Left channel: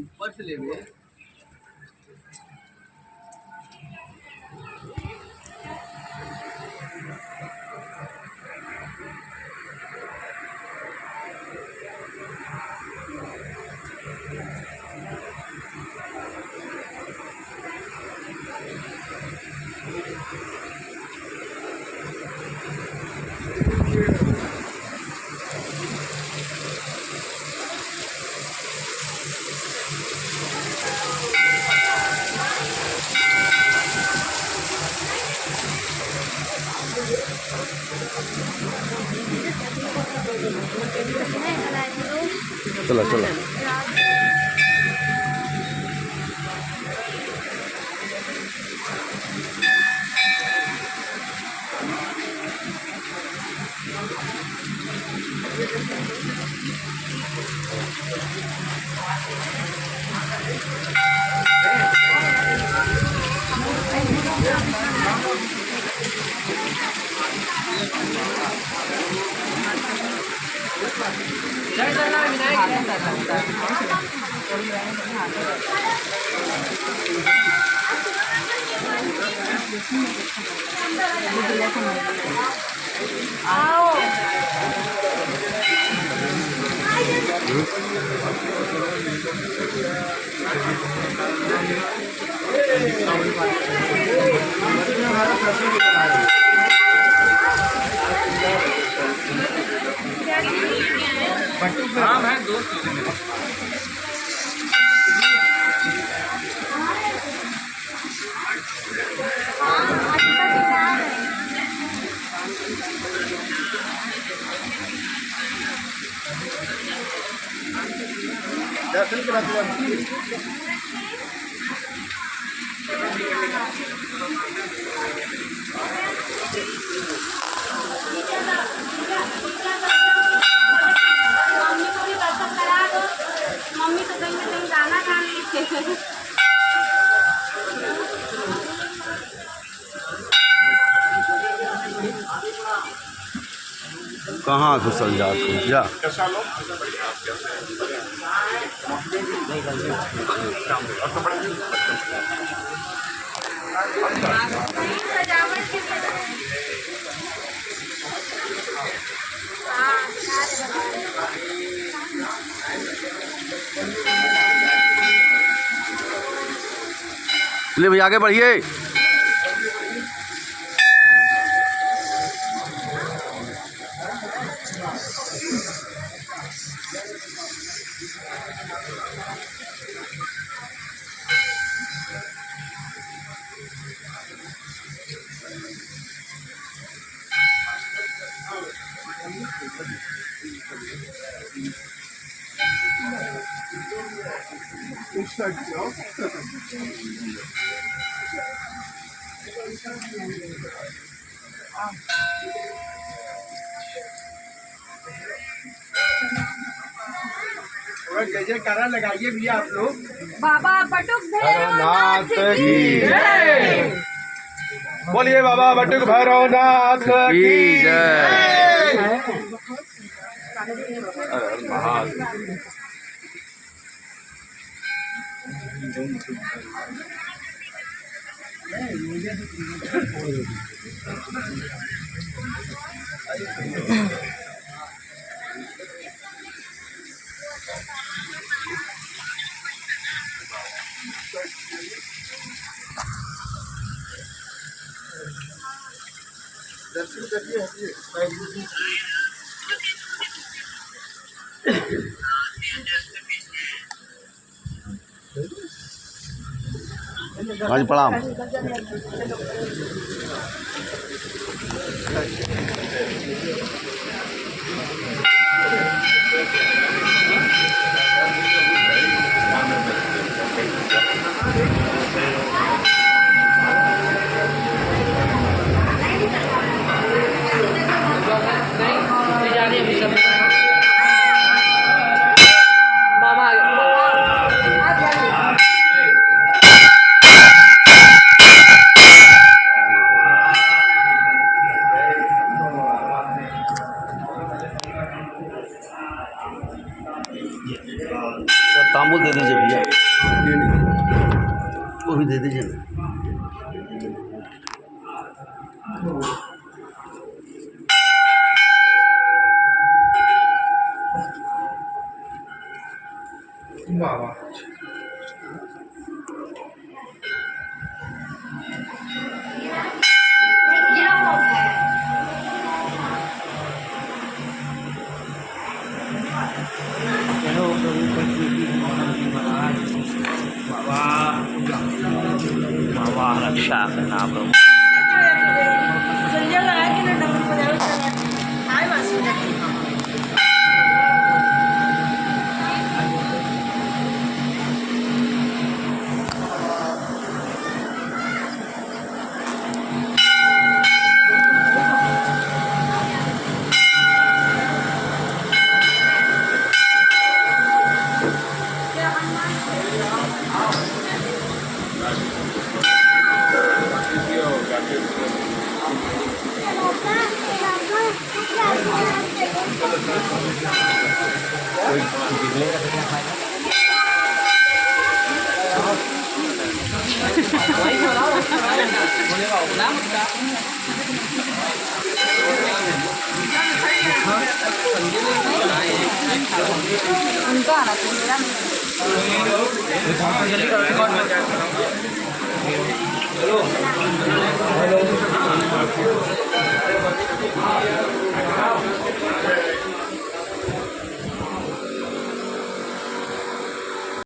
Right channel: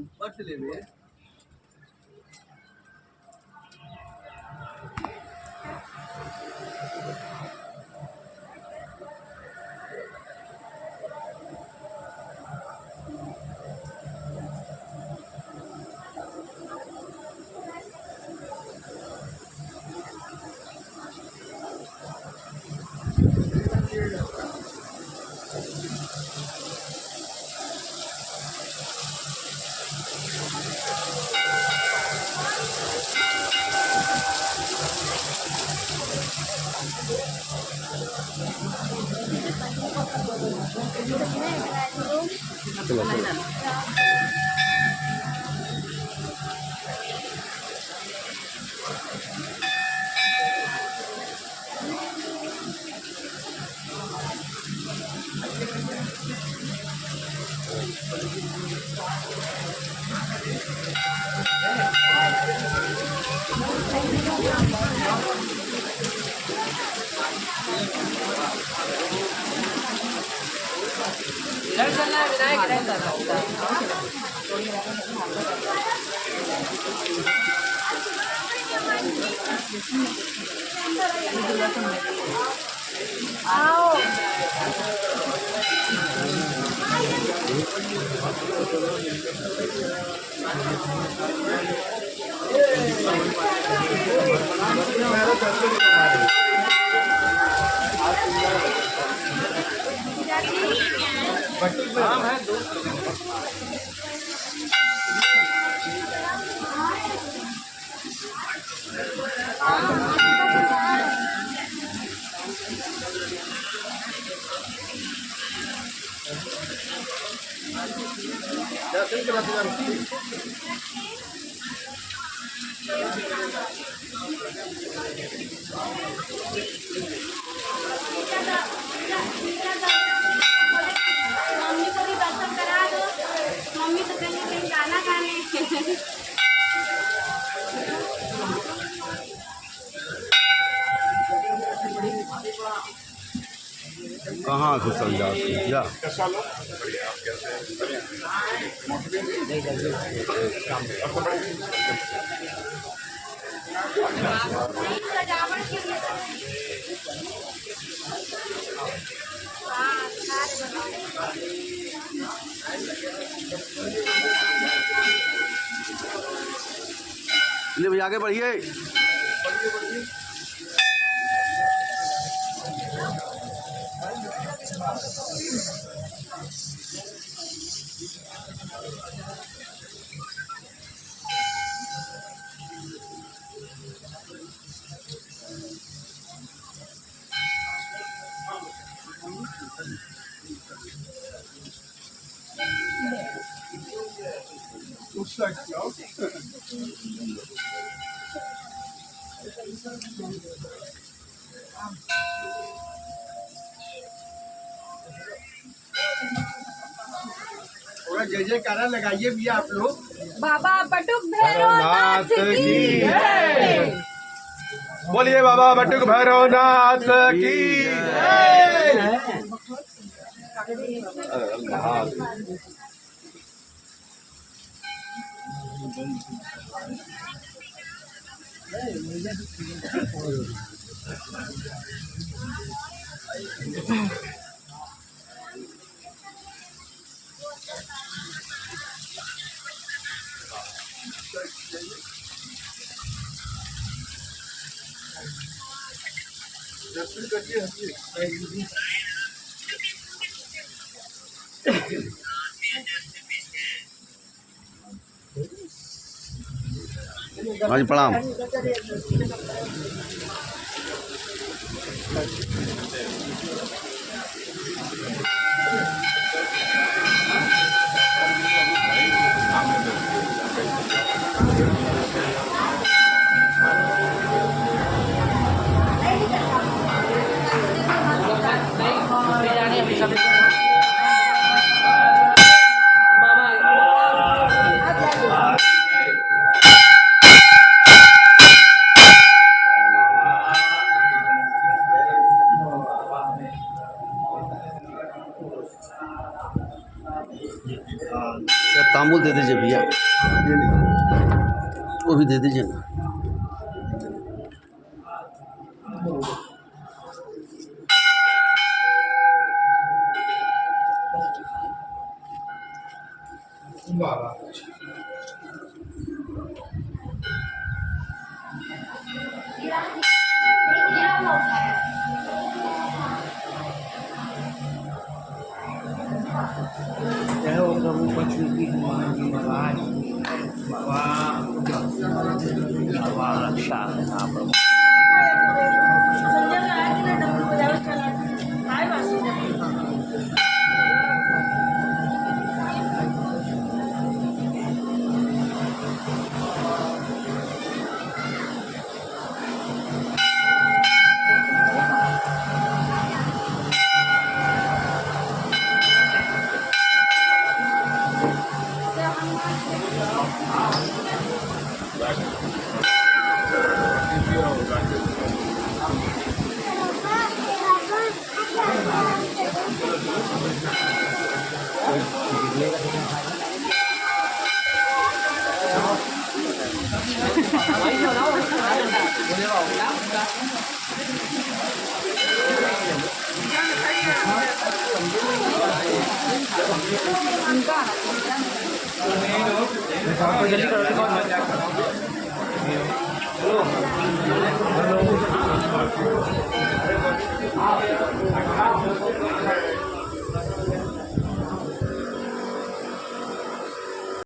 ऊपर से ले गए। चलो चलो आओ हाँ है दोस्त दर्शन कराते जाते मम्मी को भी दर्शन करा दो। मम्मी तो कहीं कहीं गाना गाने कहाँ घुसल जा जा ले भैया आगे बढ़िए। जय जयकारा लगाइए भैया आप लोग। बाबा बटुक भैरवनाथ की जय। बोलिए बाबा बटुक भैरवनाथ की जय। अरे महादेव दर्शन करिए हाँ जी प्रणाम। तांबुल दे दीजिए भैया, वो भी दे दीजिए ना। बाबा जय हो प्रभु पशुपति हनुमान जी महाराज बाबा बाबा रक्षा करना प्रभु। हेलो